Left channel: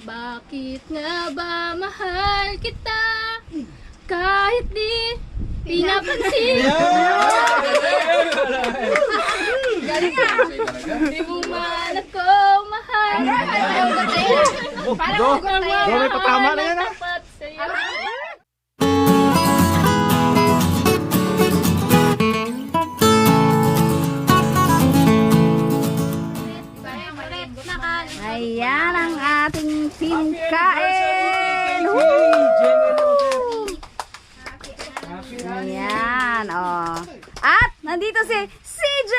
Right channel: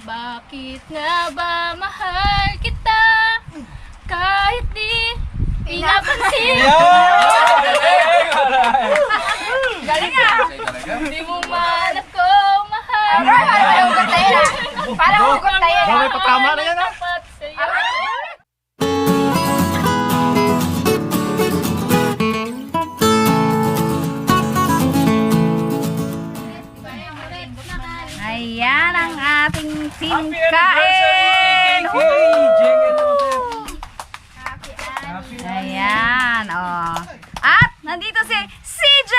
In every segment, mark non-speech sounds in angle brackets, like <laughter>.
Bakit nga ba mahal kita? Kahit di pinapansin. Galing ah! Di mo man ako mahal. Parang do, may patama na yan, ah. Kain. Ayan, oh. At nandito si CJ!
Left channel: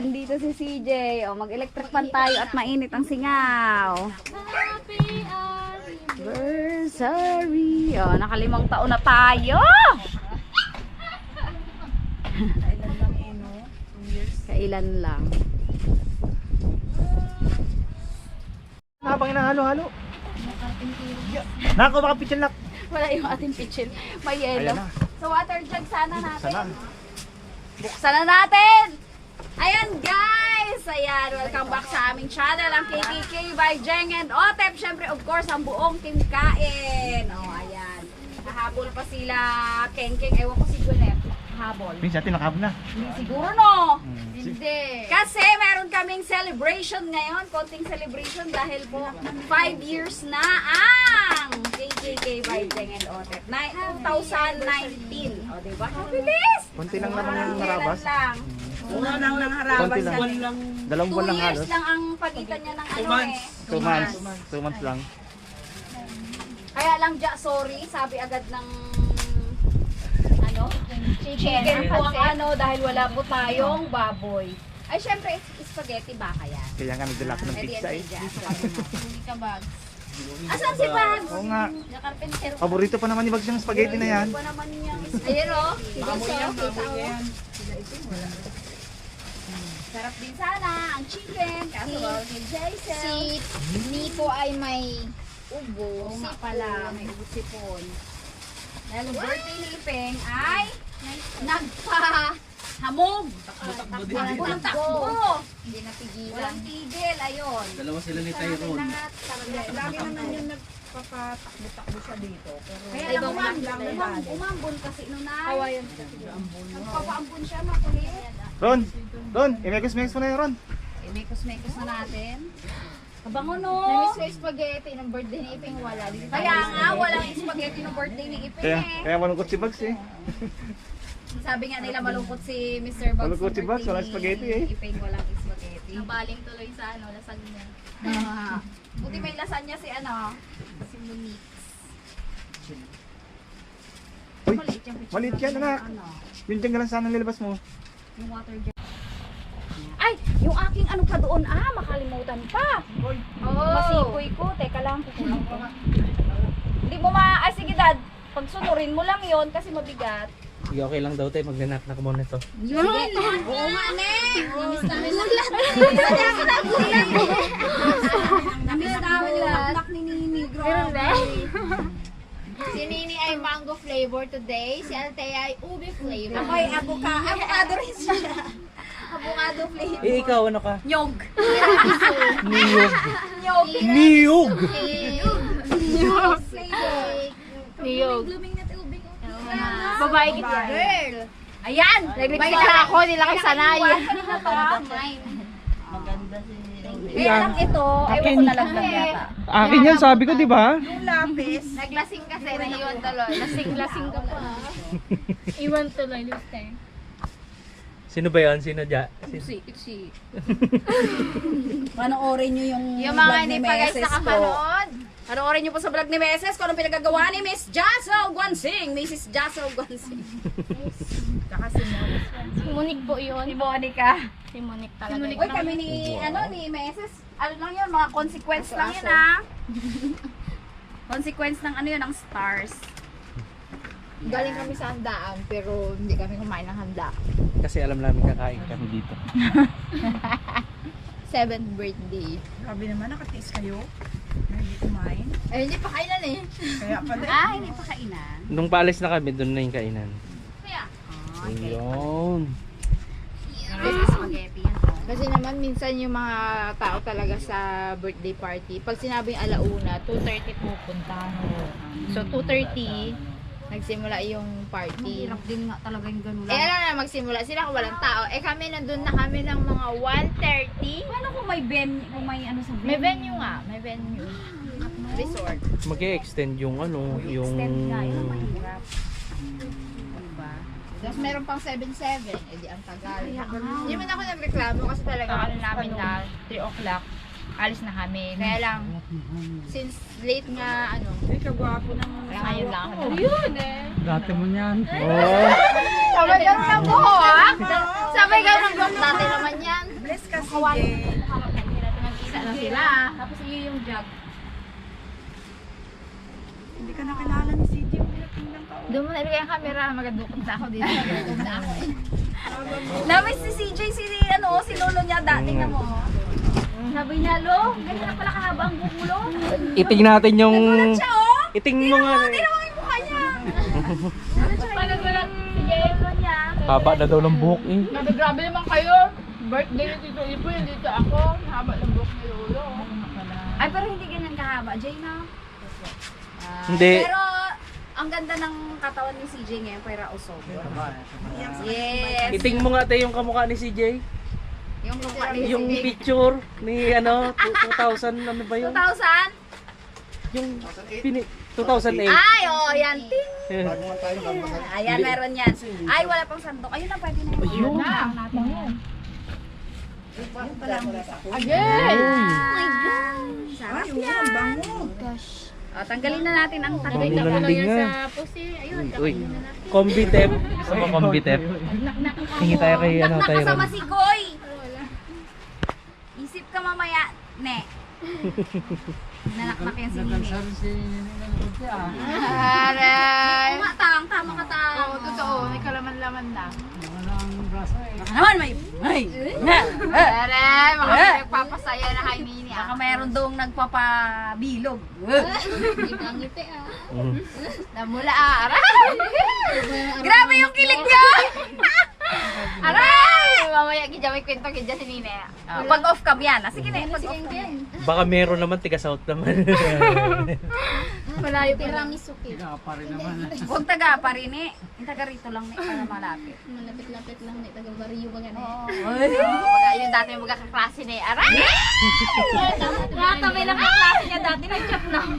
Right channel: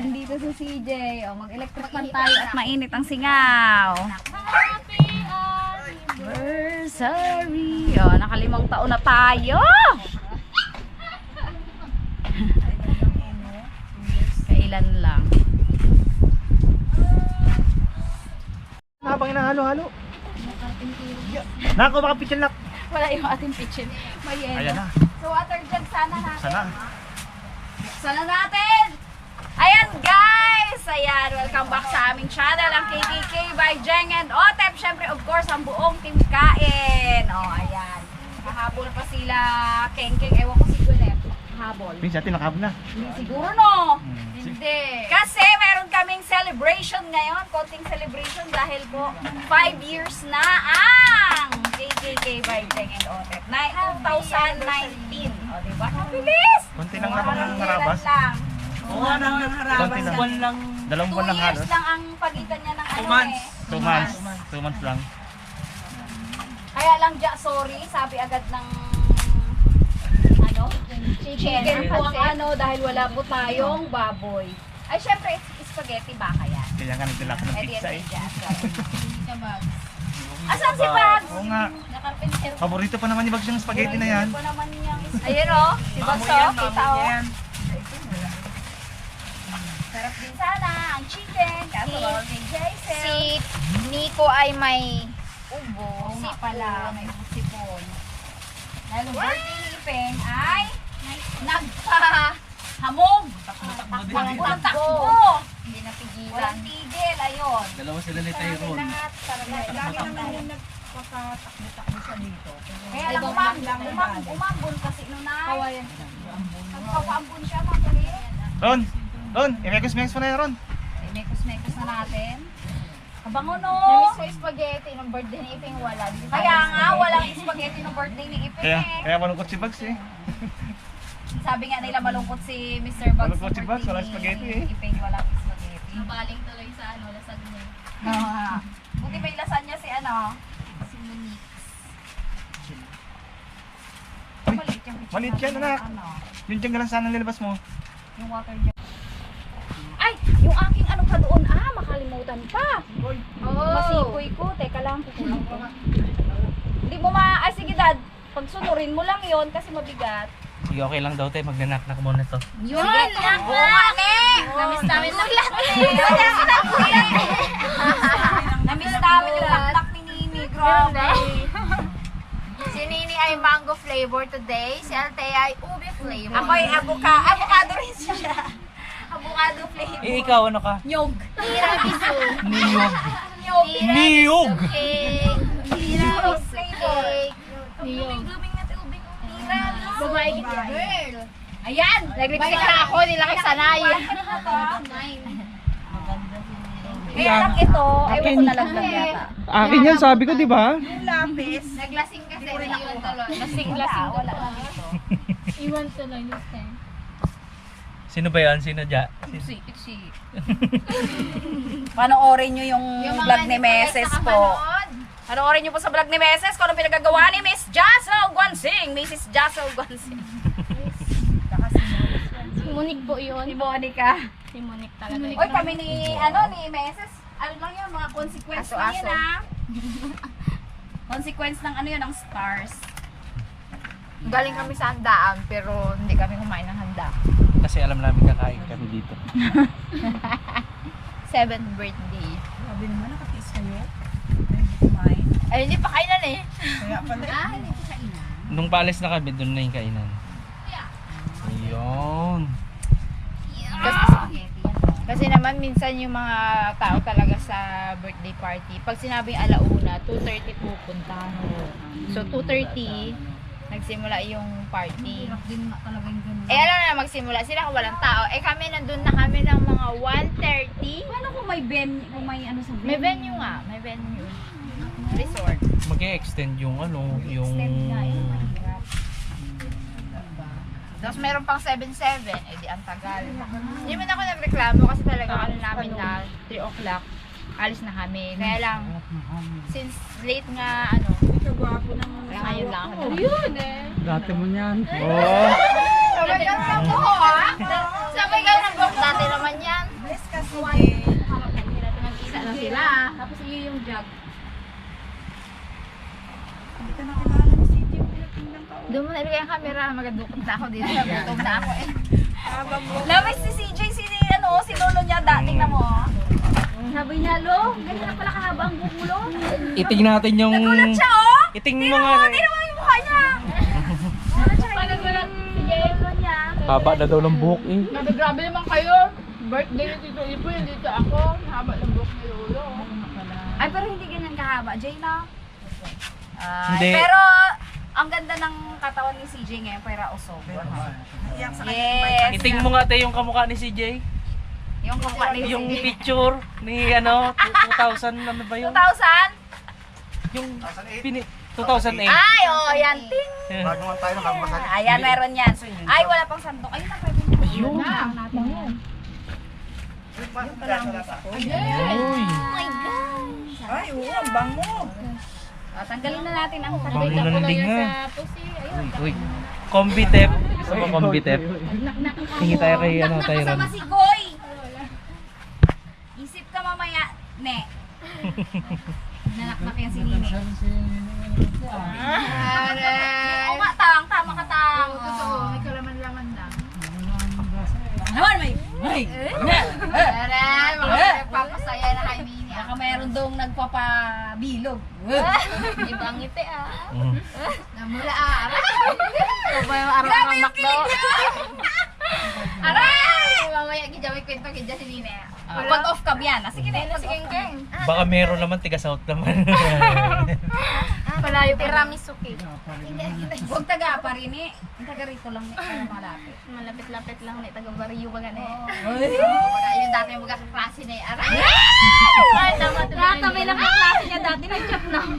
Nandito si CJ. Oh, mag-electric fan tayo at mainit ang singaw. Happy Anniversary. Oh, nakalimang taon na tayo. <laughs> Kailan lang. Habang inahalo-halo. Nako, baka pichil nak. Wala yung ating pitchin. May yelo. Ayan na. So water jug sana natin. Sana. Buksan na natin! Ayan guys! Ayan, welcome back sa aming channel, ang KTK by Jeng and Otep. Siyempre, of course, ang buong team kain. O, oh, ayan. Kahabol pa sila Keng Keng. Ewan ko Kahabol. Minsan tinakab na. Hindi siguro no. Hmm. Hindi. Kasi meron kaming celebration ngayon, konting celebration dahil po 5 years na ang KKK by Jeng and Otep. Na 2019. O, diba? Kabilis! Konti lang naman Kailan narabas. lang. Konti lang. Dalawang Two buwan lang years halos. lang ang pagitan niya ng ano eh. Two months. Two months lang. Kaya lang, ja, sorry, sabi agad ng ano? Chicken po ang ano dahil wala po tayong baboy. Ay, syempre, spaghetti baka yan. Kaya nga nagdala ko ng pizza eh. si. Hindi ka. Asan si Bags? Oo nga. Nakarpenter. Paborito pa naman ni Bags yung spaghetti na yan. Ano naman niyang... Ayun o, si Bags o, kita o. Sarap din sana ang chicken, kaso Si- bawal kay Jaisel. Si Nico ay may ubo. Oo si nga pala, may usipon. Dahil ang birthday ni Ipeng ay nagpa-hamog. Takbo ng takbo. Hindi napigilan. Walang tigil, ayun. Dalawa sila ni Tyrone. Lagi naman yung nagpapatakbo-takbo siya dito. Kaya Ay, lang bang- umam, lang- umam, umambon kasi nun ay. Kawayan. Nagpapaambon siya mga kulit. Ron! Ron! Imekos-mekos mo na yan, Ron. Eh, mekos-mekos na natin. Kabango no. Namiss ko yung spaghetti nung birthday ni Iping wala. Di Kaya nga, walang spaghetti ng birthday ni Ipeng Kaya, eh. kaya malungkot si Bags eh. <laughs> Sabi nga nila malungkot si Mr. Bugs. Malungkot si Bugs, walang spaghetti eh. Ipeng walang spaghetti. Nabaling tuloy sa ano, lasag niya. Ah. Buti may lasagna si ano. Si Monique. Uy, Maliit yung yan, anak. Ano, Yun dyan lang sana nilabas mo. yung water jug. Ay, yung aking ano pa doon, ah, makalimutan pa. Oh. Masipoy ko. Teka lang, kukulang ko. Hindi mo ma... Ay, sige dad. Pagsunurin mo lang yon kasi mabigat. Sige, okay lang daw tayo. Magnanak-nak muna to. Yun! Oo nga, ne! Namiss namin Gulat! Madami <laughs> na gulat! Namiss namin yung anak ni Nini. Grabe. Si Nini ay mango flavor today. Si Althea ay ubi flavor. Ako ay abuka, avocado rin siya. Avocado flavor. Eh, ikaw ano ka? Nyog. Tiramisu. Niyog. Nyog. Niyog! Flavor. Niyog. Blooming na tubig. Babae kita. Girl. Ayan. Nag-lipstick na ako, nila kay Sanay. Kaya lang ito, ewan ko na lang lang yata. Akin yan, sabi ko, di ba? Naglasing kasi na iwan tuloy. Lasing-lasing ko pa. <laughs> Iwan tuloy this time. Sino ba yan? Sino dya? Sino? Si, si. <laughs> Panoorin nyo yung, Yung vlog ni Meses po. Panoorin nyo po sa vlog ni Meses kung anong pinagagawa ni Miss Jassel Guansing. Mrs. Jassel Guansing. Si Monique po yun. Si Monica. Si Monique talaga. Uy, kami ni, ano, ni Meses, ano lang yun, mga consequence lang yun, ha? consequence ng ano yun, ng stars. Galing kami sa handaan pero hindi kami kumain ng handa. Kasi alam namin kakain kami dito. <laughs> Seventh birthday. Sabi naman, nakatiis kayo. Ay, hindi kumain. Ay, hindi pa kainan eh. Kaya pala, <laughs> Ah, hindi pa kainan. Nung paalis na kami, doon na yung kainan. Kaya, Ayun. Kasi naman minsan yung mga tao talaga sa birthday party, pag sinabing alauna, 2.30 pupunta. So 2.30, nagsimula yung party. din nga talaga yung ganun. Eh alam na magsimula sila kung walang tao. Eh kami nandun na kami ng mga 1.30. Paano kung may ben, kung may ano sa May venue nga, may venue. Resort. mag extend yung ano, yung... Extend nga, yun mahirap. Diba? Tapos meron pang 7-7, eh di ang tagal. Hindi man ako nagreklamo kasi talaga ano namin na 3 o'clock, alis na kami. Kaya lang, since late nga, ano, kagwapo ng kaya ngayon lang ako. Yun eh. Dati mo niyan. Oo. Sabay ka ng buhok, ha? Sabay ka ng buhok, dati naman yan. Bless ka si Jay. Nag-isa na sila. Tapos iyo yung jug. Hindi ka nakilala ni CJ. Pinatingnan ka. Doon mo nalagay ang camera, magadukot na ako dito. <laughs> Gutom na ako eh. Lamay si CJ, si ano, si lolo niya dating na mo. Sabi niya, lo, ganyan na pala kahaba ang buhok mo, lo. Iting natin yung... Siya, oh. Iting mo nga. Hindi naman yung mukha niya. Ko lang sige. Lolo niya. Haba na daw ng buhok eh. Grabe, grabe naman kayo. Birthday ni Tito Ipo, dito ako. Haba ng buhok ni Lolo. Ay, pero hindi ganyan kahaba, Jay na. Ah, Hindi. Pero, ang ganda ng katawan ni CJ ngayon, para usog. Yes. Iting mo nga tayo yung kamukha ni CJ. Yung kumukha ni Yung picture ni ano, 2000 ano ba yun? 2000? Yung pini 2008. Ay, oh, yan. Ting. Bago tayo. Ayan, meron yan. Ay, wala pang sandok. Ayun ang pwede na. Ayun. Lang natin yan. Again! Oh my gosh. Ay, oo, ang bango. Tanggalin na natin ang Bango takip. na ng linga. Uy, uy. Combitep. Gusto mo combitep? Hingi tayo kay ano, Nak Tyron. nakasama si Goy. Isip ka mamaya, ne. <laughs> Nanaknak yan si Nini. Aray! Oo nga, tang. Tama ka, tang. Oo, totoo. May kalaman-laman lang. Naman, may... May... Aray! Mga nagpapasaya na kay Mini Baka ah. meron doong nagpapabilog. Iba ang ngiti ah. Mm. Namula ah. Aray! Grabe yung kilig niya! Aray! Mamaya gidya may kwento gidya si Nini. Ah, pag off cam yan. Ah, sige na, pag off cam. Baka meron naman tiga south naman. <laughs> Malayo pa. Tiramisuki. Huwag taga pa rin eh. Taga rito lang eh, para malapit. Malapit-lapit lang ni taga Barrio ba gani. Ay! Mga yun dati yung mga kaklase ni Aray! Nakatabi lang ang klase niya dati, nag-chat na. <laughs>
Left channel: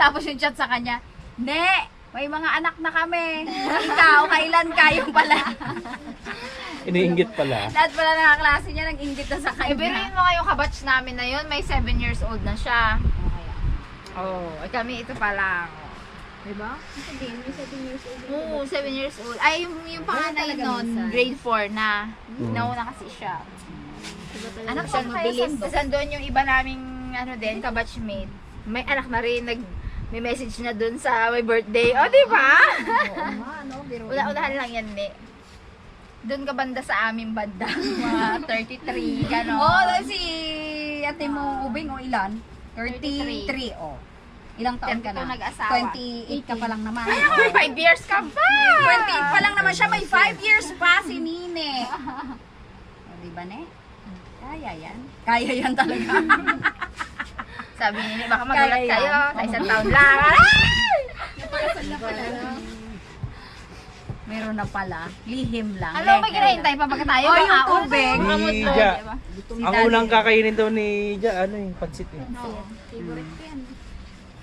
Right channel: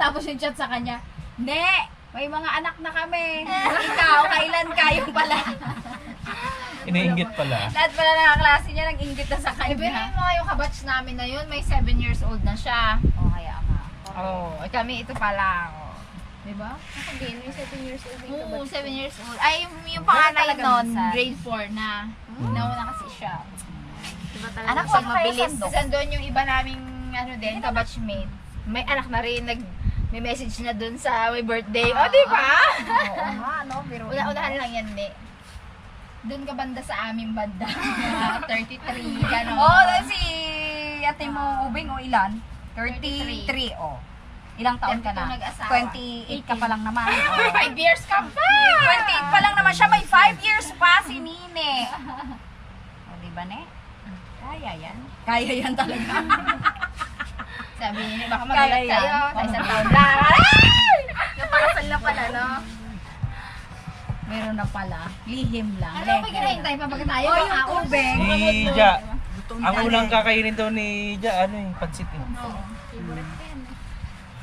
Tapos yung chat sa kanya, Ne, may mga anak na kami. Ikaw, kailan kayo pala? Iniinggit pala. Lahat pala ng kaklase niya nag-inggit na sa Eh, kanya. yung mga yung kabatch namin na yun, may 7 years old na siya. Oh, kaya nga. Oo, oh, kami ito pa lang. Oh. Diba? Oo, 7 years old. Ay, yung, yung panganay nun, grade 4 na. Mm. Nauna kasi siya. Anak ko kayo mabilis. sandok. Tapos andun yung iba naming, ano din, kabatchmate. May anak na rin, nag, may message na dun sa may birthday. O, di ba? Oo nga, <laughs> no? Pero Una-unahan lang yan, ni. Doon ka banda sa aming banda. <laughs> Mga 33, gano'n. Oo, oh, si ate mo ubing o ilan? 33, oh. Ilang taon ka na? Ito nag-asawa. 28 ka pa lang naman. 5 <laughs> years ka pa! 28 pa lang naman siya, may 5 years pa si Nine. O, di ba, ne? Kaya yan. Kaya yan talaga. Sabi niya, baka Kaya magulat yan. kayo. Sa Oo. isang taon <laughs> lang. Aray! Napakasal na pala, no? Meron na pala. Lihim lang. Ano, may kinahintay pa baga tayo? Oh, yung Mga tubig. Si Ja. Ang unang kakainin daw ni Ja, ano eh, pansit eh. Favorite ko yan.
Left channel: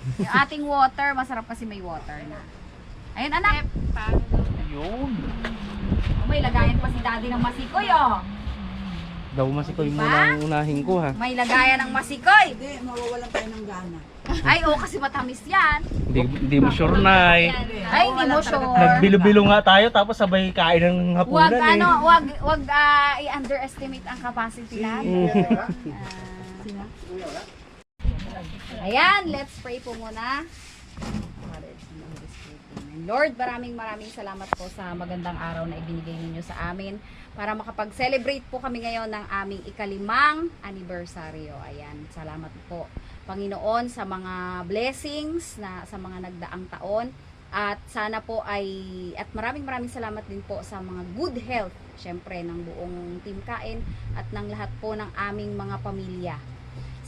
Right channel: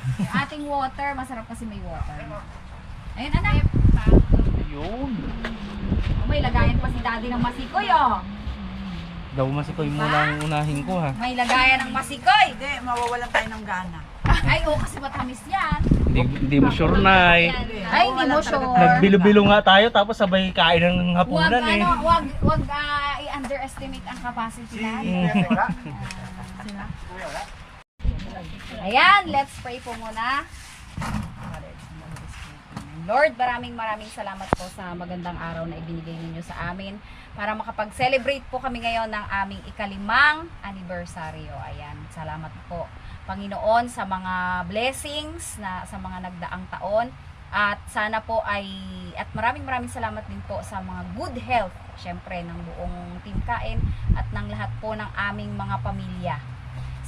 <laughs> Yung ating water, masarap kasi may water na. Ayun, anak. Yun. May lagayan pa si daddy ng masikoy, oh. Daw masikoy muna ang unahin ko ha. May lagayan ng masikoy. Hindi, mawawalan tayo ng gana. Ay, oh, kasi matamis yan. Hindi, hindi mo sure na eh. Ay, hindi mo sure. Nagbilo-bilo nga tayo tapos sabay kain ng Wag hapunan eh. ano, wag wag ah, i-underestimate ang capacity natin. <laughs> Mm. Ayan, let's pray po muna. Lord, maraming maraming salamat po sa magandang araw na ibinigay ninyo sa amin para makapag-celebrate po kami ngayon ng aming ikalimang anibersaryo. Ayan, salamat po. Panginoon sa mga blessings na sa mga nagdaang taon At sana po ay, at maraming maraming salamat din po sa mga good health, syempre, ng buong Team Kain at ng lahat po ng aming mga pamilya.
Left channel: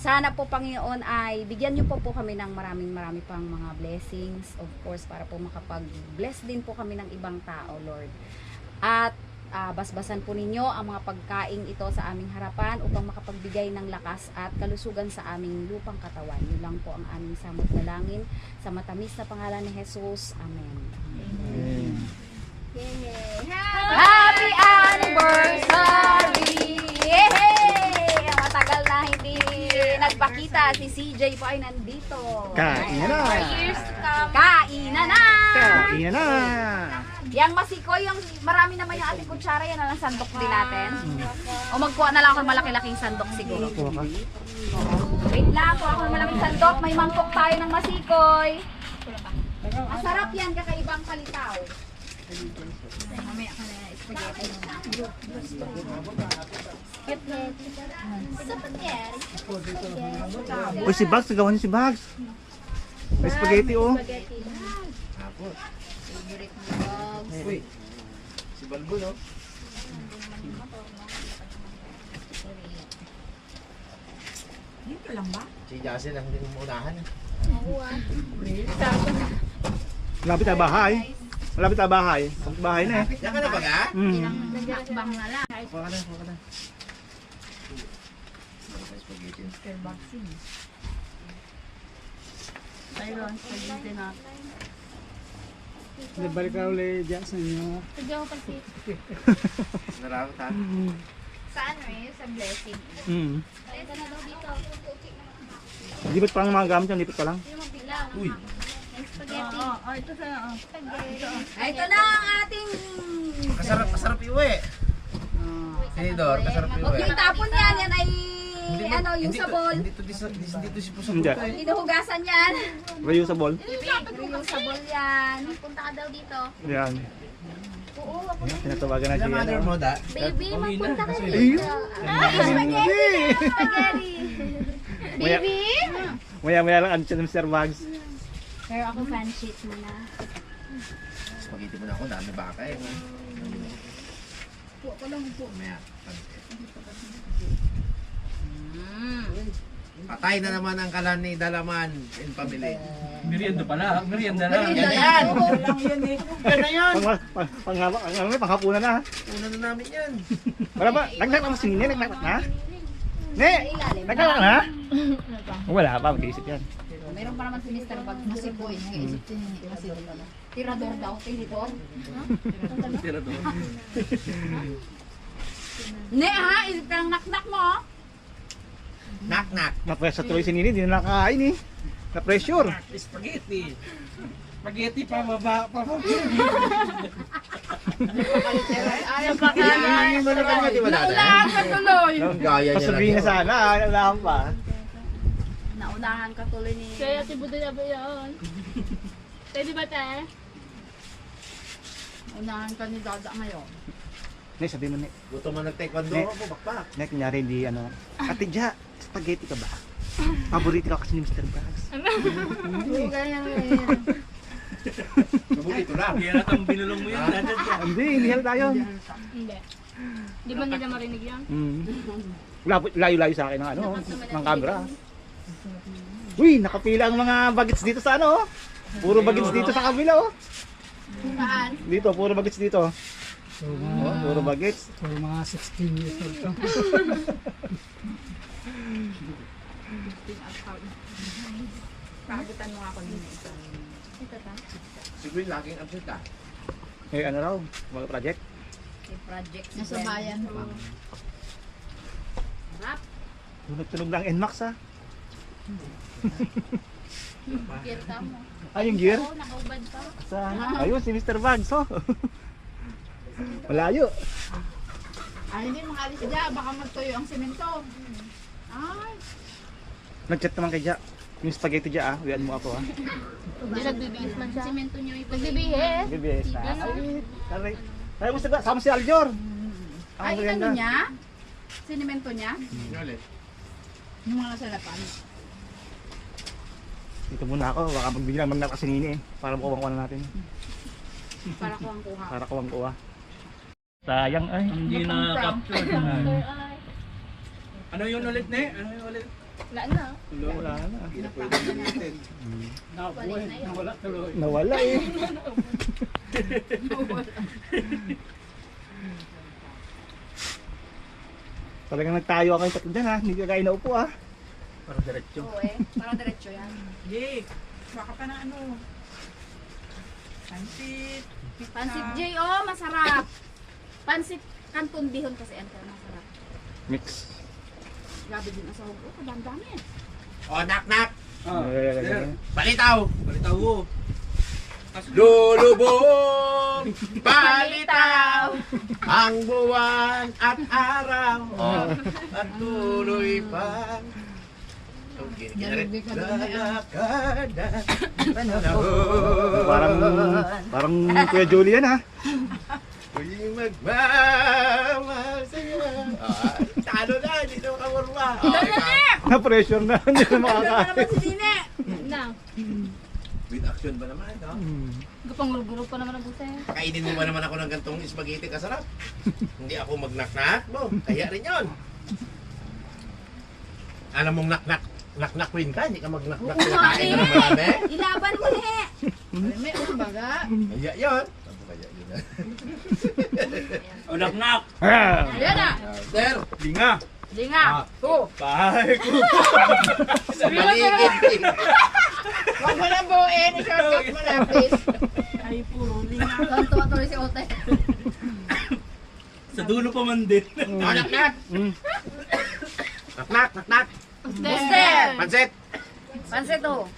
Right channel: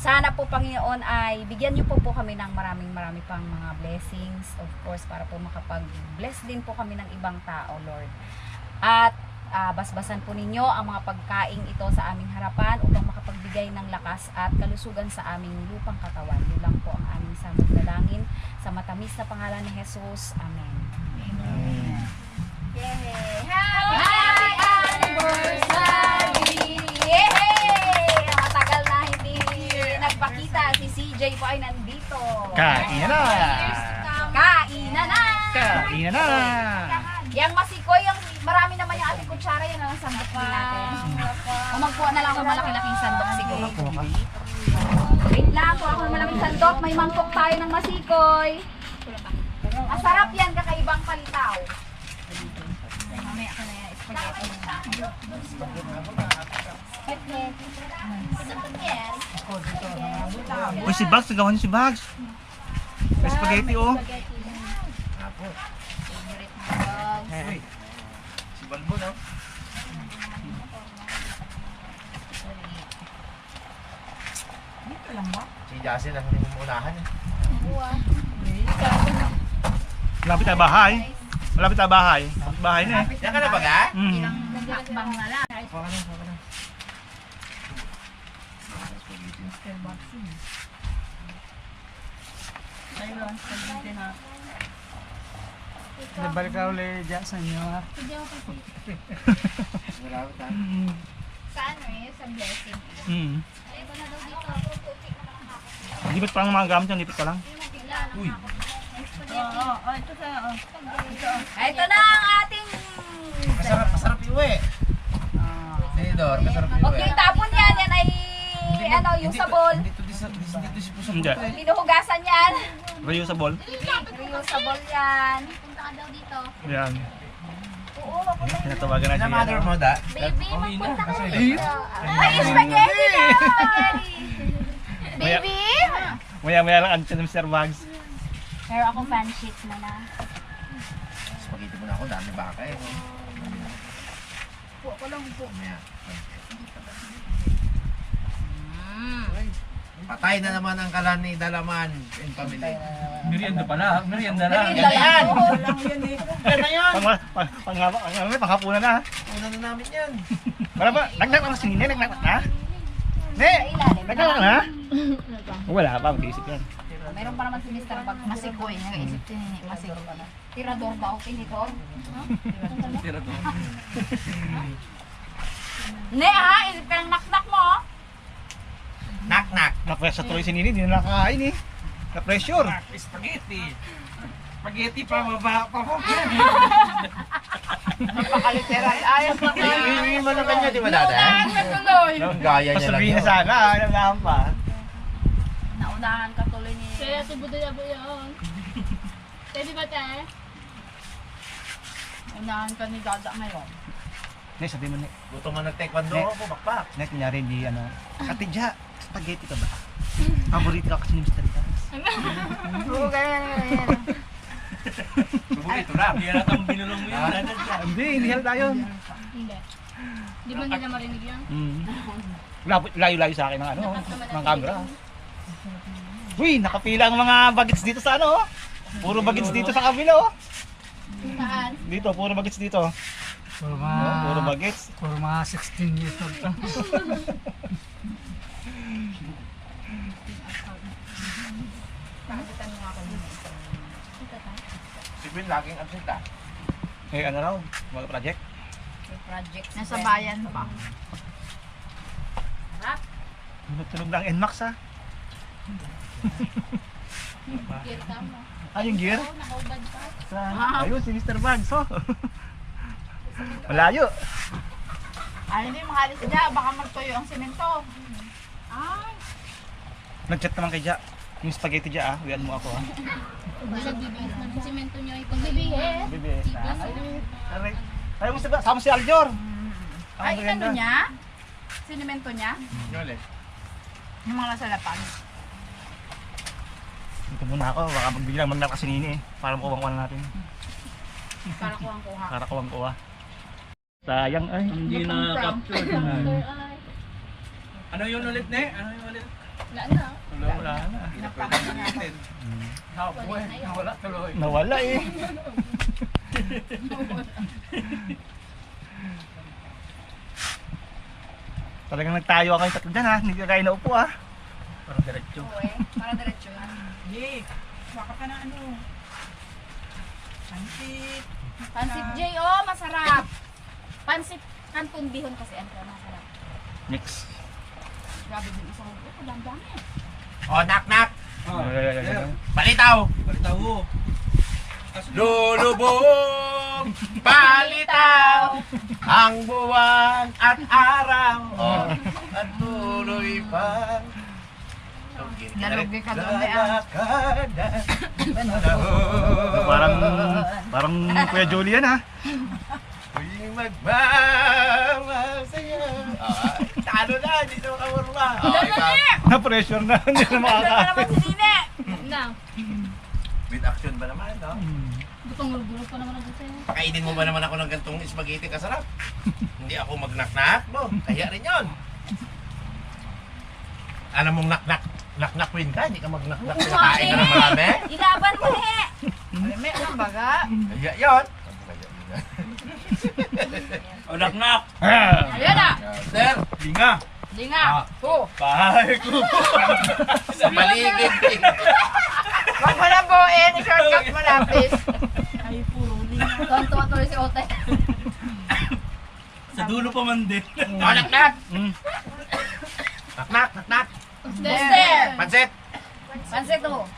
Sana po Panginoon ay bigyan niyo po po kami ng maraming marami pang mga blessings, of course, para po makapag-bless din po kami ng ibang tao, Lord. At ah, basbasan po ninyo ang mga pagkaing ito sa aming harapan upang makapagbigay ng lakas at kalusugan sa aming lupang katawan. Yun lang po ang aming samot dalangin sa matamis na pangalan ni Jesus. Amen. Yay! Happy anniversary! Yay! Ang matagal na hindi nagpakita. Si CJ po ay nandito. Kain na! Kainan na! Kain na! Yang masikoy, yung marami naman yung ating kutsara, yan na lang sandok din natin. O magkuha na lang ako ng malaki-laking sandok siguro. Kuha ka. Wait lang, kuha ako ng malaking sandok. May mangkok tayo ng masikoy. Masarap yan, kakaibang palitaw. Mamaya ka na yan, spaghetti. Uy, si Bugs, nagawa niyo si Bugs. May spaghetti oh. Si Balbo, no? Dito lang ba? Si Jasin ang hindi mo unahan. eh. Malapit na bahay. Malapit na bahay. Bahay na eh. Yan ka na ba nga? Mm. Hakbang na lang. Kuha ka na, kuha ka na. Spaghetti. Ayun, spaghetti natin. Balik na ulit dyan sa inyo ha. Sige ako kasi. Nalawat ha? Sa ano eh, sa blessing. Mm. Na daw dito. Lipat pa lang ang mga gamit yan, lipat pa lang. Uy! Spaghetti. Oo, oh, ito sa, oh. Ito na ang ating... Kasarap, kasarap iuwi. Senador, kasarap iuwi. Huwag yung tapon yan, yan ay ano, yung hindi to- sabol. Hindi to, hindi to, hindi to si Puso Hindi. eh. Hinuhugasan yan. Reusable. Sabol yan. Punta ka daw dito. Yan. Tinatawagan na siya. mother mo da? Baby, magpunta ka dito. Ay, spaghetti! Spaghetti! Maya, maya, maya lang andyan ng Mr. Bugs. Pero ako fan sheet na na. Spaghetti mo na ako, dami baka eh. no? Po ko lang po. Mamaya. Patay na naman ang kalan ni Dalaman and family. Merienda pala, merienda lang. Na yan! lang yun eh. Yan na yan! Pang, pang, pang, panghapunan na. ha? Una na namin yan. Wala ba? Nagnak lang si Nene, nagnak na? Ne! Nagnak lang na? Wala pa, mag-iisip yan. Meron pa naman si Mr. Bag. Masikoy, nag-iisip din eh. Masikoy. Tirador daw, tinidor. <laughs> Ne ha, isip ka ng naknak mo. oh. Knock. Na-pressure tuloy si Nene, hindi na nakakain eh. Na-pressure. Spaghetti. Spaghetti pa baba pa po. Ayaw pa ka. Hindi mo na kanya, di ba dada? Naunahan ka tuloy. Gaya niya Pasabihin na sana, alam pa. Naunahan ka tuloy ni... Kaya si Budo na po yun. <laughs> Pwede ba tayo? Unahan ka ni Dada ngayon. Ne, sabi mo, Ne. Gusto mo nag-taekwondo Ne. ako, bakbak. Ne, kunyari di ano. Ate Ja, spaghetti ka ba? Paborito ka kasi ni Mr. Paborito lang. Hindi na itong binulong mo yun. Nandyan ka. Hindi, hindi halata yun. Hindi. Di ba nila marinig yan? Mm. Labo- Layo-layo sa akin ng ano, ng camera. Uy, nakapila ang mga bagets dito sa ano. oh. Puro bagets dito sa kabila oh. Saan? Dito, puro bagets dito. Puro Oh, mga, puro bagets. puro mga 16 years old ka. Pakabutan mo nga ako din. Si Will laging absent ah. Eh, ano raw, mga project. Project si Nasa bayan pa. Tunog-tunog ng NMAX ha. Gear ka mo. Ah, yung gear? Oo, nakaubad pa. Sa, ayun, si Mr. Bugs oh. Malayo. Ay, hindi makalis dyan. Baka magtuyo ang simento. Ay. Nag-chat naman kay Ja. Yung spaghetti Ja ah, wian mo ako ah. Hindi nagbibihis man siya. Simento nyo ipag Nagbibihis? BBS na. Ay. Tayo mo sa sama si Aljor. Ay, maganda. ano niya? Sinimento niya? Yung mga salapan. Dito muna ako, baka magbiglang magnat kasi nini eh. Para makuha na natin. Para kuwang-kuha. Para kuwang kuha. Sayang ay. Hindi na capture. <laughs> Ano yun ulit, ne? Ano yun ulit? Wala na. Wala, wala na. Hindi na pwede ulitin. Nabuhay, nawala tuloy. Nawala eh. <laughs> Talagang nagtayo ako yung tatlo dyan ha. Hindi ka kayo naupo ha. Parang diretso. Oo eh. Para diretso yan. Jake, baka pa na ano. Pansit. Pansit J, oh, masarap. Pansit kanton bihon kasi ano, masarap. Mix. Grabe din ang sahog. Oh, kadami-dami. Oh, knock knock. Oh, ay. sir. Palitaw. Palitaw mo. Lulubog, <laughs> palitaw, ang buwan at araw, oh, at tuloy pa. Nalugi ka doon, ah. Lalakadan, <laughs> Parang, parang Kuya Julian ha. Uy, magmamahal sa'yo. Ay, talo na, dito ka marma. Na-pressure na. Hindi na Ano makakain. naman si Nine? Na. With action ba naman, no? Gutong-gulog pa naman ang buti. Kainin mo ba naman ako ng gantong spaghetti kasarap? Hindi ako magnaknak mo. Kaya rin yon. Alam mong naknak, queen ka, hindi ka magnaknak. Oo, Kinakain ka ng eh. marami. Ilaban mo eh. May kumbaga. Kaya yon. Kaya yun na. Oh, knock knock. Ah, Ayan na. Sir, Linga. Linga. Oh. Bahay ko. sa paligid. Huwag mo lang buuin, i-shortcut mo lapis. Ay, puro linga. Tuwan-tuwa tuloy si Ote. Sa dulo pa man din. Oh, naknak. mm. Buster. Pansit. Pansit oh.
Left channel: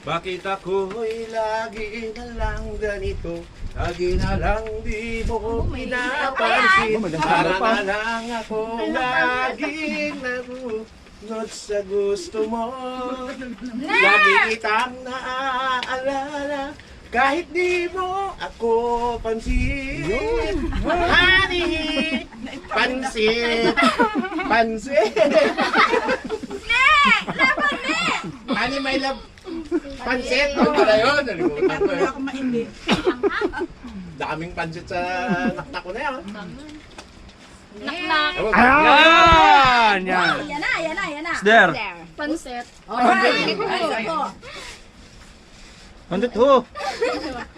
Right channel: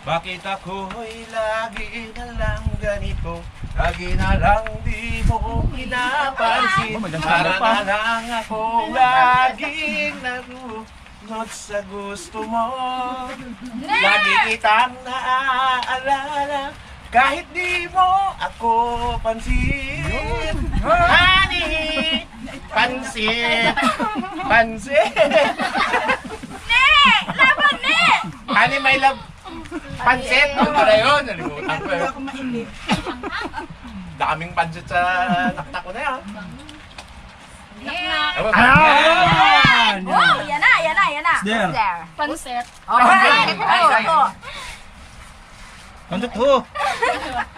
Bakit ako'y lagi na lang ganito? Lagi na lang di mo pinapansin may dansang Para pa. na lang ako laging narunod sa gusto mo Lagi kitang naaalala kahit di mo ako pansin Honey, pansin, <laughs> pansin! Honey, my love, pansit, ano ba yun? Nalimutan ko eh. ako mainit. Daming pansit sa naknak ko na yan. Ne! Ayan! Wow, yan na, yan na, yan na. There. Pansit. Alright. Oh, ito. Nandito ho.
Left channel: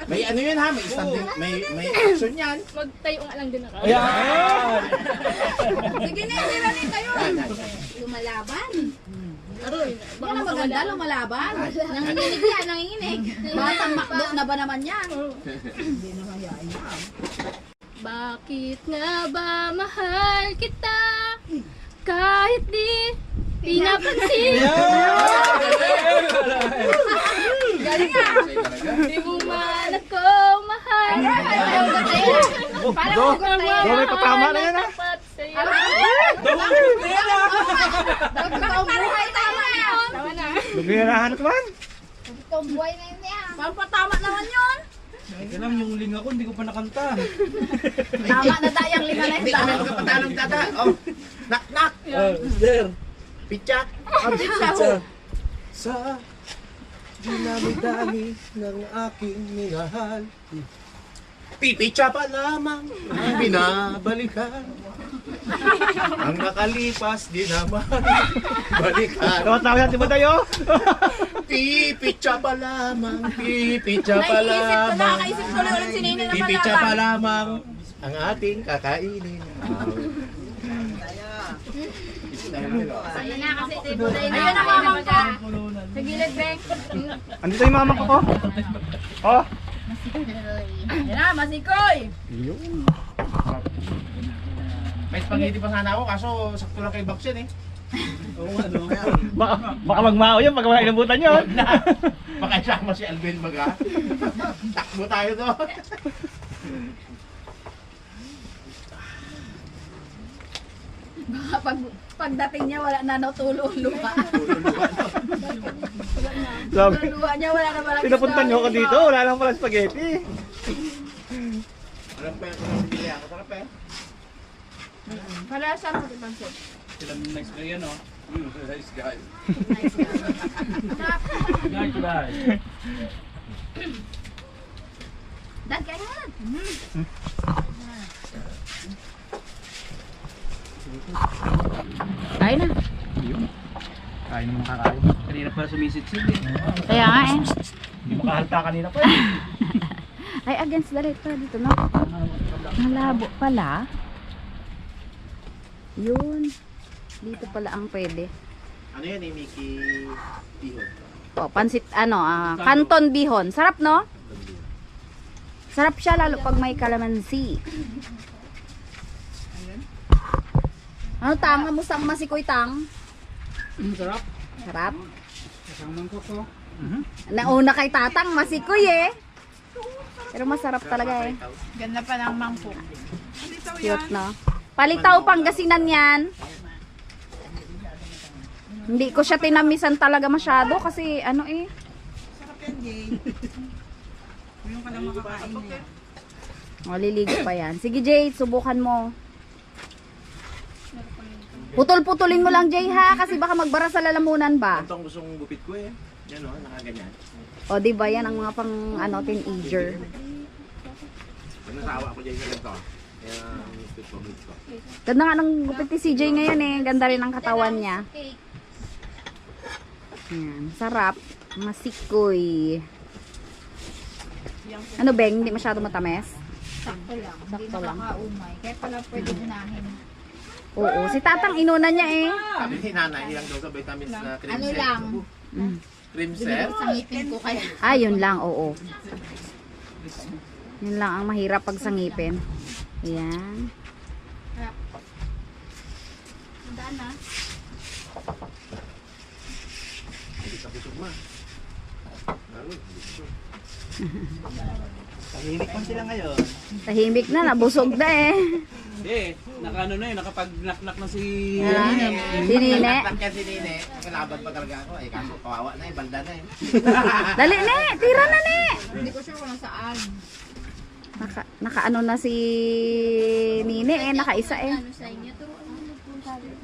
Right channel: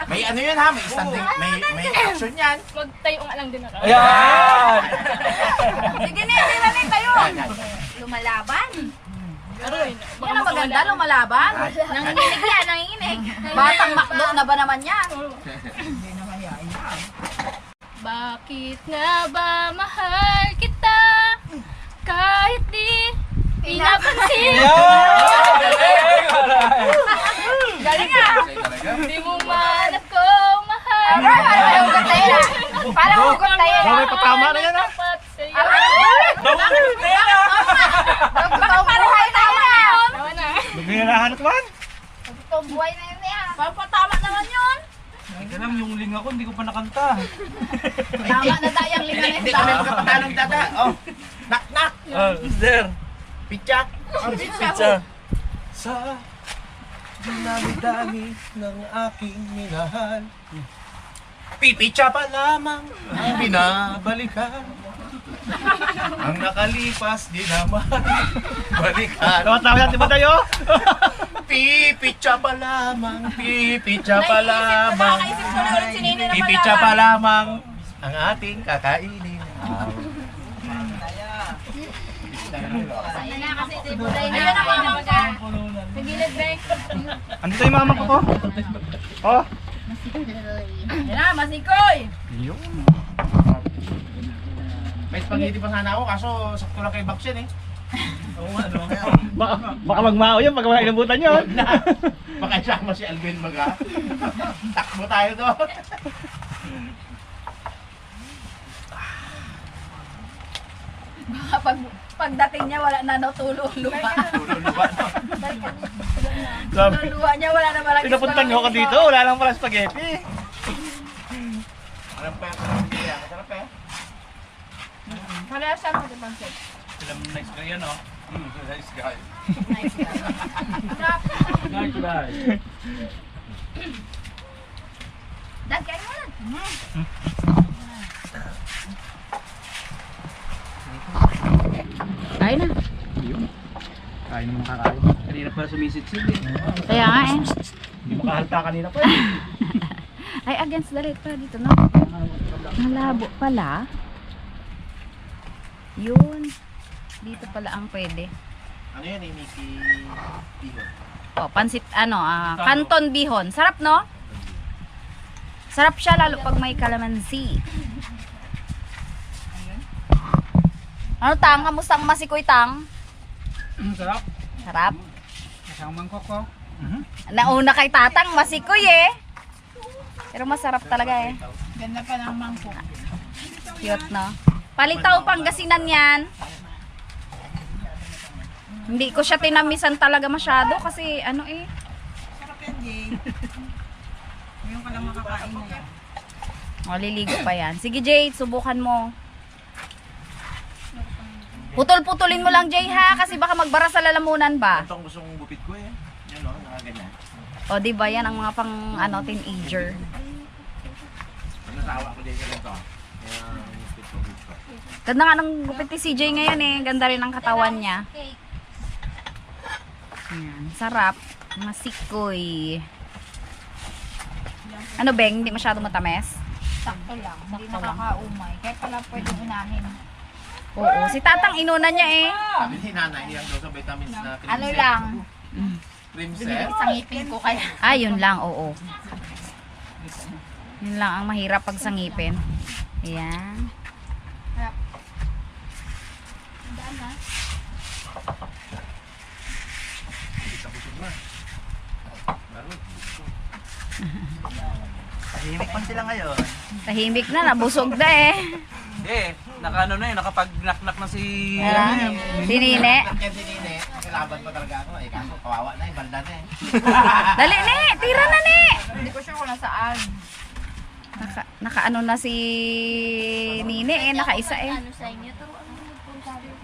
May ano yun ha, may standing, may, may action yan. Magtayo nga lang din ako. Ayan! Sige ne, hindi na rin tayo. Lumalaban. Aroy. Yan ang maganda, lumalaban. Nanginginig yan, nanginginig. <laughs> Batang makdo na ba naman yan? Bakit nga ba mahal kita? Kahit di pinapansin. Galing ah. Di mo man ako mahal. Parang Go. may patama na yan, ah. Tapat sa'yo. Bakit tama yun? Tawa na. Naglinahan ko man. Tomboy na yun eh. Pampatama naman yun. Ito lang yung linga ko, hindi ko pa nakanta. <laughs> Tama na dayang lima na Hindi yung kami tama. magkapatalong dada. Oh, knock knock, Ah, there. pitcha. Pizza. Sa dinami-dami ng aking minahal. Pipitsa pa lamang ang binabalikan. Ang nakalipas di naman <laughs> balikan. Tawa-tawa natin ba tayo? <laughs> Pipitsa pa lamang, pipitsa pa Naisip ko na, lamang. ulit si na Pipitsa pa lamang ang ating kakainin. Ayun na kasi tibulay na. Ayun ang mamang ko. Sa gilid, Beng. Andito yung mama ko ko. Oh. Yan na, masikoy. Yun. May spaghetti pa sana ako kaso sakto lang kay Baksin eh. <laughs> Oo nga, no? Baka, baka magmao yun pag mga inabutan yun. <laughs> Baka isama si Alvin Maga. Takbo tayo doon. Baka pag, pagdating niya, wala na natulong lupa. <laughs> Sabi, Lupa niya, wala na malang pinapuntan nyo ako dito, wala lang pala spaghetti. Anong pa Parehas siya ng pansit. Sila nice ka yan, oh. Nice guy. Nice guy. Dad, kain mo na. Kain na. Kain naman kakain. Kanina pa sumisit-sit eh. Kaya nga eh. Hindi makahalta kanina pa eh. <laughs> Ay, against the light pa dito, no? Malabo pala. Yun. Dito pala ang pwede. Ano yan eh, Mickey Bihon? Oh, pansit, ano, ah, canton bihon. Sarap, no? Sarap siya lalo pag may kalamansi. Ano tang? Kamusta ang masikoy tang? Mm, sarap. Sarap. Kasama ko ko. Nauna kay tatang, masikoy eh. Pero masarap talaga eh. Ganda pa ng mangkok. Cute, no? Palitaw Pangasinan yan. Hindi ko siya tinamisan talaga masyado kasi ano eh. Sarap yan, Jay. Ngayon ka lang makakain na yan. Maliligo pa yan. Sige Jade, subukan mo. Putol-putulin mo lang Jay ha kasi baka magbara sa lalamunan ba. Ito ang gusto kong gupit ko eh. Yan o, nakaganyan. O di ba yan ang mga pang ano teenager. Nasawa ko dyan sa ganito. Kaya Ganda nga ng gupit ni CJ ngayon eh. Ganda rin ang katawan niya. Yan, sarap. Masikoy. Ano beng, hindi masyado matamis? Sakto lang. Hindi Sakto lang. nakakaumay. Kaya pala pwede unahin. Oo, si tatang inuna niya eh. Sabi ni nanay, ilang daw sa vitamins na cream Ano set. lang, Mm. Cream set? sa ngipin ko kaya. Ah, yun lang, oo. Yun lang ang mahirap pag sangipin. Ayan. Hindi sa busog ma. Laro, busog. Tahimik man sila ngayon. Tahimik na, nabusog na eh. Eh, naka ano na eh, nakapag-knock-knock na si... Ah, si Nine. Si Nine. Nakilaban pa talaga ako. Eh, kaso kawawa na eh, balda na eh. Dali, ne! Tira na, ne! Hindi ko sure kung nasaan. Naka, naka ano na si Nine eh, nakaisa eh. Ano sa inyo? Turuan mo magpunta rin.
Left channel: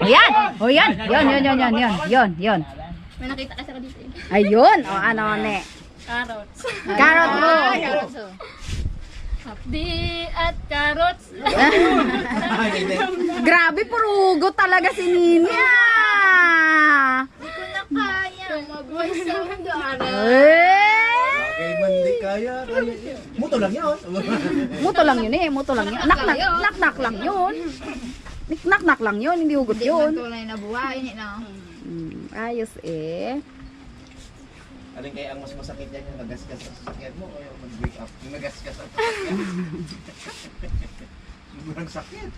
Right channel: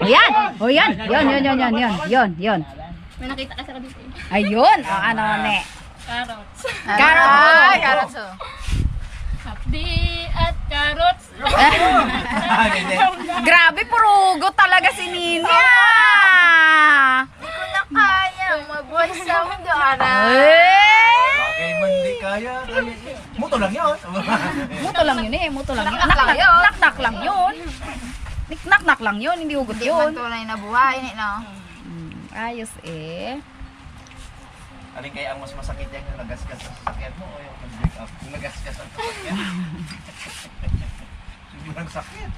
Ayan! O yan! Yun, yun, yun, yun, yun, yun, yun. May nakita kasi ako dito eh. Ayun! O ano, ne? Carrots. Carrot mo! Carrots oh. Hapdi at carrots. <laughs> Grabe, purugo talaga si Nini ah! Sound doon. Eh! Mo hindi kaya. Muto lang yun. <laughs> Muto lang yun eh, muto lang yun. Nak, nak, nak, nak lang yun. Nik- Nak, nak lang yun, hindi hugot yun. Tunay na buhay, no? Hmm, ayos eh. Alin kaya ang mas masakit yan yung nagasgas sa sasakyan mo o yung mag-break up? Yung nagasgas sa sasakyan. <laughs> <laughs> Sobrang sakit.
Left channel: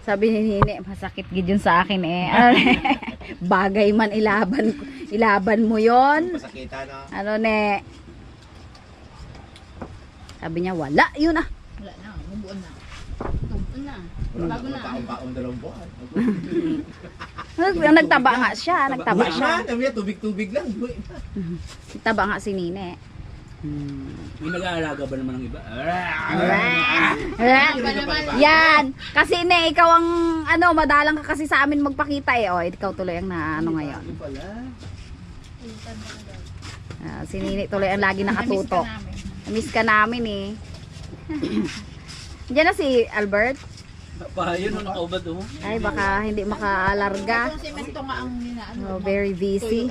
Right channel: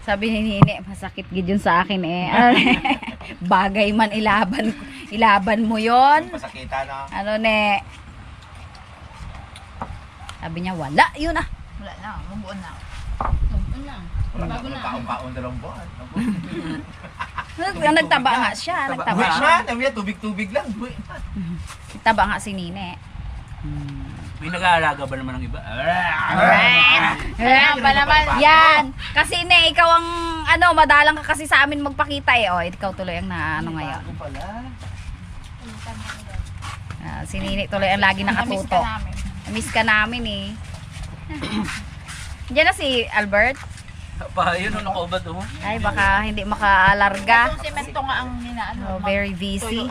Sabi ni Nini, masakit gid yun sa akin eh. <laughs> Bagay man ilaban ilaban mo yon. Masakita na. Ano ne? Sabi niya wala, yun ah. Wala na, mabuon na. Tugtun na. Wala Bago na. Kaon-kaon dalawang buwan. Nag- Nagtaba nga siya, nagtaba siya. na. Sabi niya, tubig-tubig lang. Na. Nagtaba nga si Nini. Hmm. May nag-aalaga ba naman ng iba? Yan ba naman? Yan. Kasi ne, ikaw ang ano, madalang ka kasi sa amin magpakita eh. Oh, ikaw tuloy ang na ano ngayon. Ah, si Nini tuloy ang lagi nakatutok. Namiss ka namin. Miss ka namin eh. Diyan na si Albert. Pa, yun ang nakaubad oh. Ay, baka hindi makaalarga. Itong semento nga ang ninaano. Oh, very busy.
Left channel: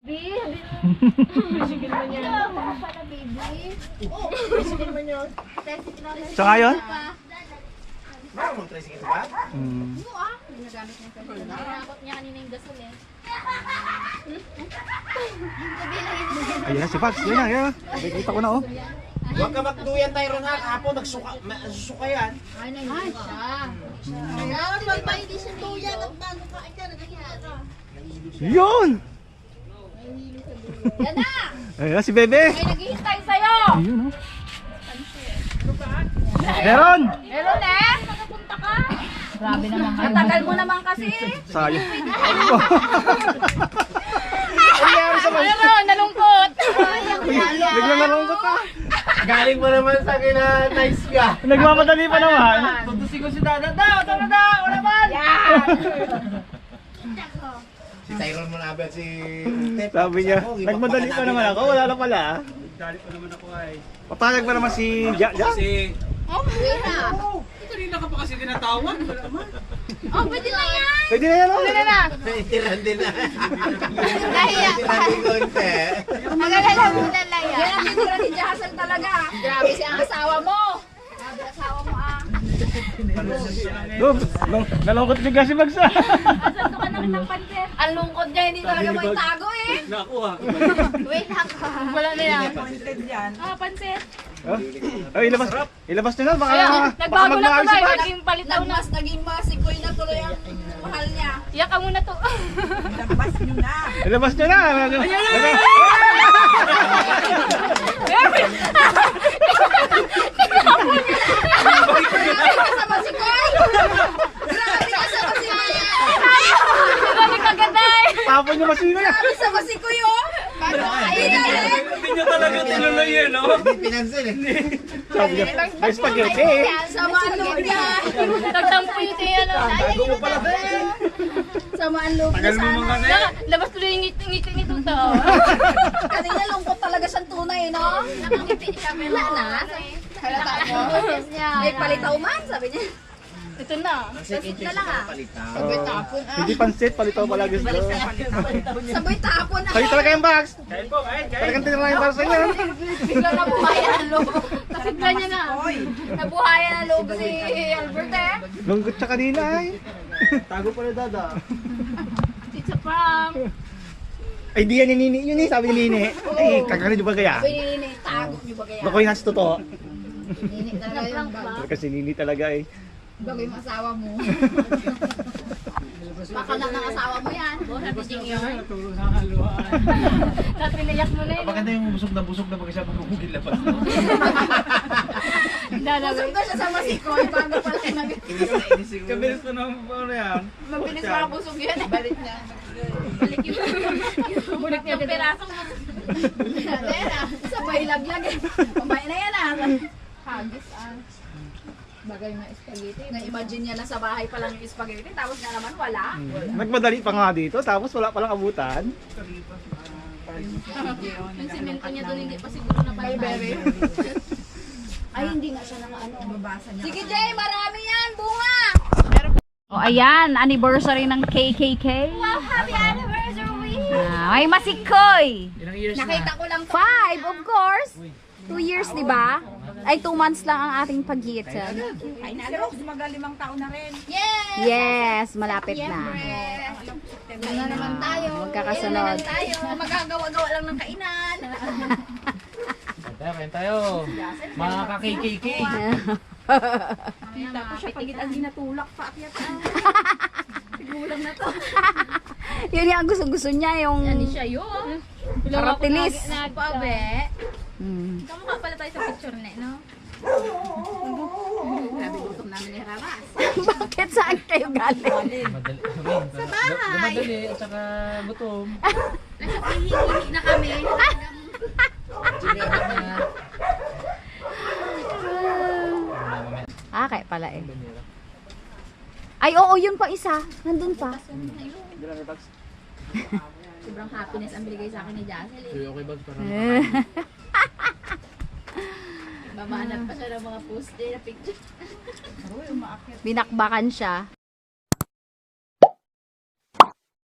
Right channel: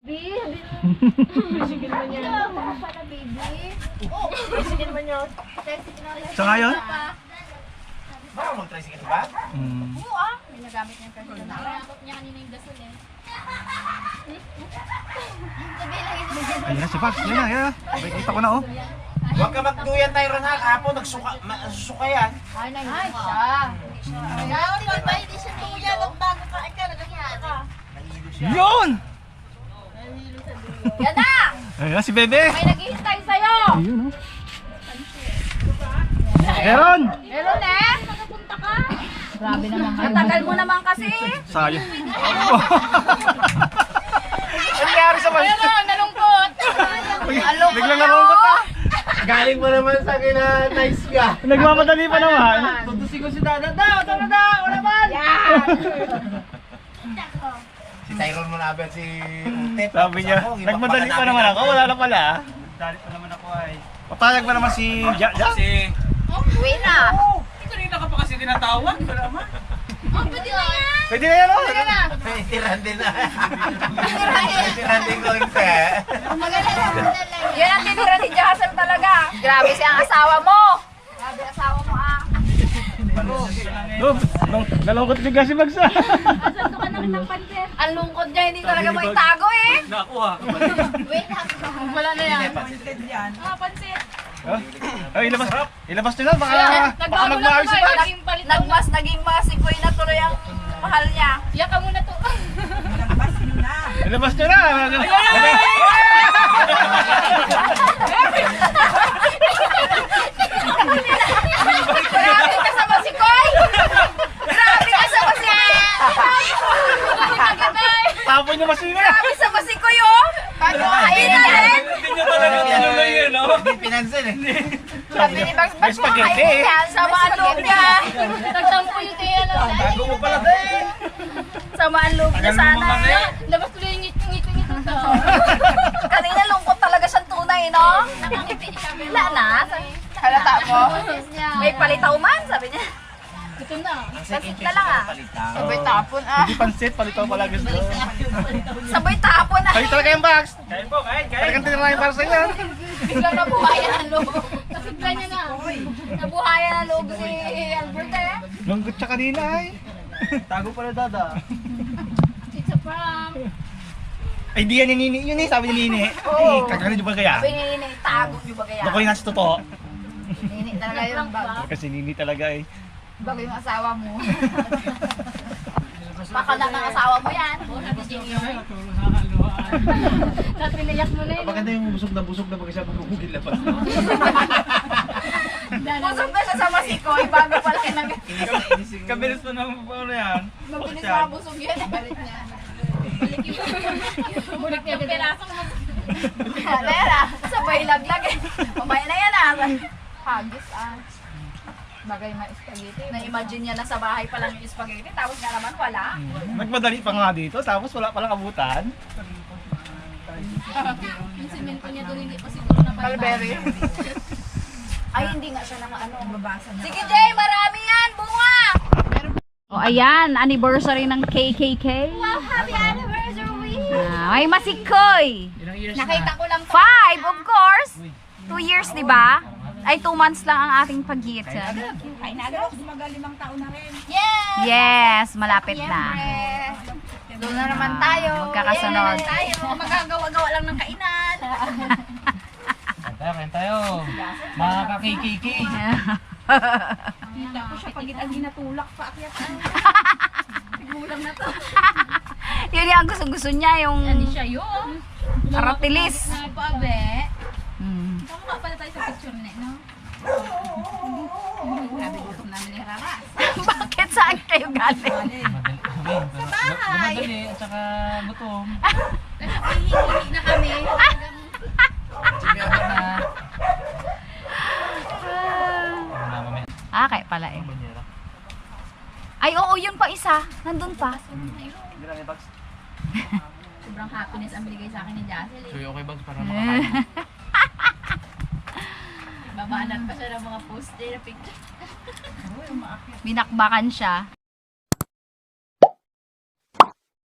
Tuyo <laughs> yun. Sa ngayon? Baka mag-tricycle ba? Hmm. Ginagamit niya kasi. Nakakot niya kanina yung gasol eh. Ayun na si Pax, yun na, yun na. Nakikita ko na oh. Huwag ka magduyan tayo ron ha. Apo, nagsuka, nagsusuka yan. Ay, nahihit siya. Yun! Yan na! Ayun na si Bebe. May naghihintay sa'yo! Ayun oh. Meron! Meron eh! Grabe naman kayo. Ang tagal mo naman kasi. Sayang. <laughs> Ano nangyari sa man? Ano, nalungkot. Biglang nalungkot na. Galing mo naman sa kina nice ka. Nagmamadali pa naman. Tutusin ko si Dada. Da, Dada, da, wala man! Si Tyrone Manabe at si Utet. Sabi niya, nagmadali pa naman ako, wala na pala. Dali pa naman ako ay. Papayag pa naman si Ja Ja. Kasi, Uwi na. oh, kanina ka pa kasi tinatawag. Wala man. Oh, pwede na yan. Pwede na yan, oh. Itiran din na. Itiran din ko yung te. Maganda lang, maganda lang yan. Yan ang tinira ni Jassel talaga. Grabe siya ang asawa mo. No, nung nalungkot bigla si Mags. ah. Ang lungkot niya, hindi talaga mo itago eh. Nakuha. Wait. Wala na yan. Appointed yan. Ah, pansit. Oh, oh, ilabas. Ilabas na, baka, Ayan, baka nagbago na magmahal si. Mags. Naging palitaw na. Naging masikoy na tuloy ang mahal niya. Iyak ka muna to. Lambas nyo na. Ilabas nyo na. <laughs> Grabe ka sa masikoy. Grabe ka sa masikoy. Tapon nyo masino na. Grabe sa masikoy oh. Pinalin. Hindi nyo talaga tinuloy yun, no? Hindi pinansin eh. Sabi niya, may spaghetti eh. Sama ang loob niya. Nagtampo yung tiyan. Tago mo pala din. Sama ang loob niya sana. Labas tuloy yung ngiti-ngiti nito to. Kanina lungkot talaga siyang tunay, no? Nakangiti siya. pero- Wala na. Halata mo. May palitaw man, sabi niya. Ito na. Pasit na lang ah. Oh, tapon ah. Hindi pansit, palitaw pala gusto. Sabay tapon na. Kayo talaga yung box. Kain po, kain, kain. Talagang tinirahin para sa inyo. Bigla nabuhayan ang loob. Kasigla niya na. Nabuhayan ang loob si Albert eh. Lungkot siya kanina ay. Tago pala dada. It's a prank. Ay, di yan ni Nini. Yun eh, sabi ni Nini. <laughs> Ay, kagaling nyo ba kaya? Pinili tago niyo ba kaya? Naku, yung nasa totoo. Nini talaga yung bago. Kasi Nini talaga eh. Bago yung asawa mo. <laughs> Baka na ng asawa mo yan. Natulog sa kaluhaan. Tapos <laughs> pinayak mo na yun. Maganda yung busog na busog na mag isa magugugil na pa. Busog na siya sa masikoy bago pala nag... Na inis yung... Kabilis pa naman pa na yan. Mabilis mabusog yun. Balik niya. Bulik niya agad. Pera. Sabay laglag eh. Mamaya na yan ah. Hagis ah. Bagay mga spaghetti. Na-imagine niya na sa bahay pa lang yung spaghetti, tapos nga naman wala. Nagmadali pa nga dito, tapos wala palang abutan. Yung simento niya doon hindi pa siguro na Mulberry. Ay, hindi nga siya nakaano. Babasa niya. Sige Jay, marami yan, bunga! O oh, ayan, anniversary ng KKK. Wow, happy anniversary! Ah, may masikoy. Ilang years Nakita ko lang Five, of course. Two years, di ba? Ay, two months lang ang ating pagitan. Ay, nalo. Magalimang taon na rin. Yes! Yes, malapit na. Doon na naman tayo. Magkakasunod. Doon tayo. Magagawa-gawa lang ng kainan. <laughs> Kain tayo, kain tayo. Mga ka-KKK. <laughs> Tapos siya pagit ang ginatulak pa. Akyat <laughs> Sigulang na to. <laughs> Yun yung gusto-gusto niya, yung Ano siya yun? aratilis. Pabe. Mm. Tama ka pala tayo sa picture net, no? Grabe gutom namin ni Raras. <laughs> Bakit saan kayo galing? Madali. Sa bahay. Madali at saka gutom. Hihingi na kami. Sige, abot na. Ah, kaya pala eh. Banyera. Ay, oo, yun pa isa. Nandun pa. <laughs> Sobrang happiness ang binigay sa akin ni. So, Eh. okay ba? Para Eh. <laughs> Mamanat pa siya ng mga post na picture. <laughs> Binakbakan siya.